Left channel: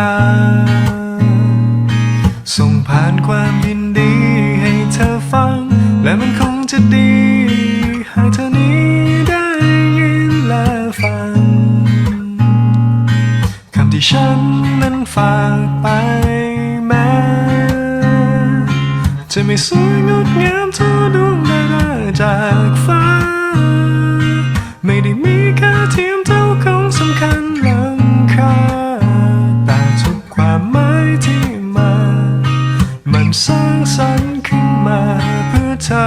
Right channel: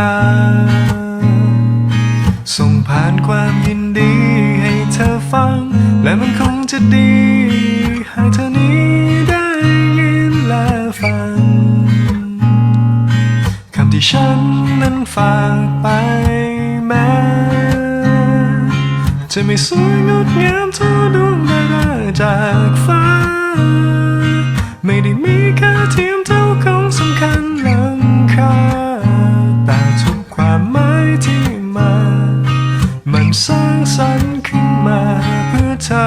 า ส่งผ่านความยินดีให้เธอฟัง และมันคงจะดี หากเธอนี้ได้ยินและฟัง คำที่ฉันนั้นฝากไปแม้จะไม่สวยงดงามเท่าดวงดาราจากฟ้า ไม่ได้มีแค่ สร้างสรรค์ขึ้นมาเพื่อเธอ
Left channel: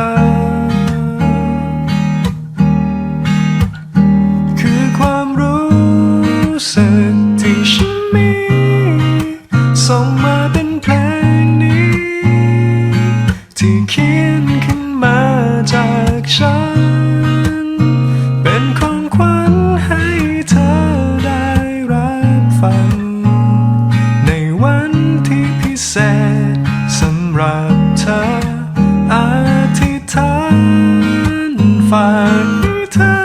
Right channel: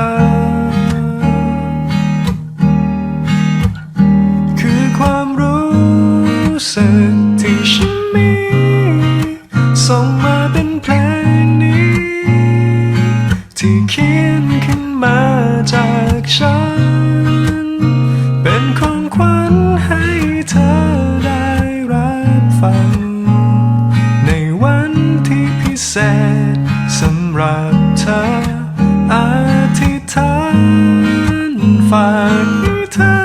คือความรู้สึกที่ฉันมีส่งมาเป็นเพลงนี้ ที่เขียนขึ้นมาจากฉัน เป็นของขวัญให้เธอได้รับฟัง ในวันที่พิเศษสำหรับ เธออธิษฐานฝากให้เธอ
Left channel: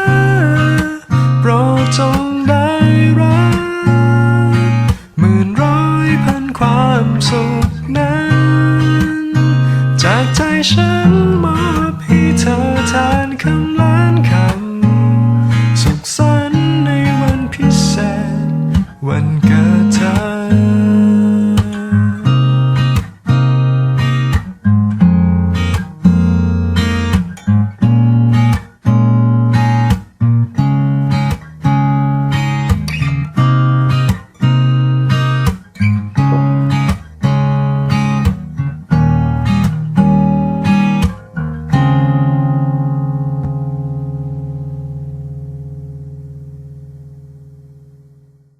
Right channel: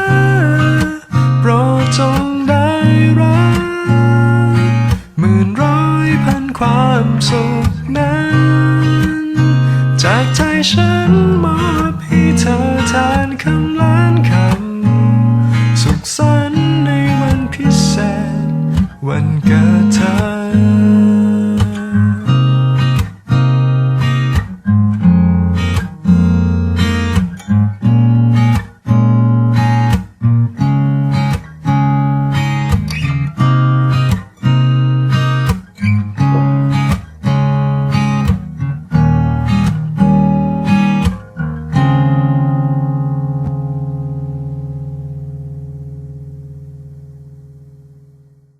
โปรดจงได้รับหมื่นร้อยพันความสุขนั้น จากใจฉันมอบให้เธอทานคำล้านคำสุขสันต์ในวันพิเศษ วันเกิดเธอ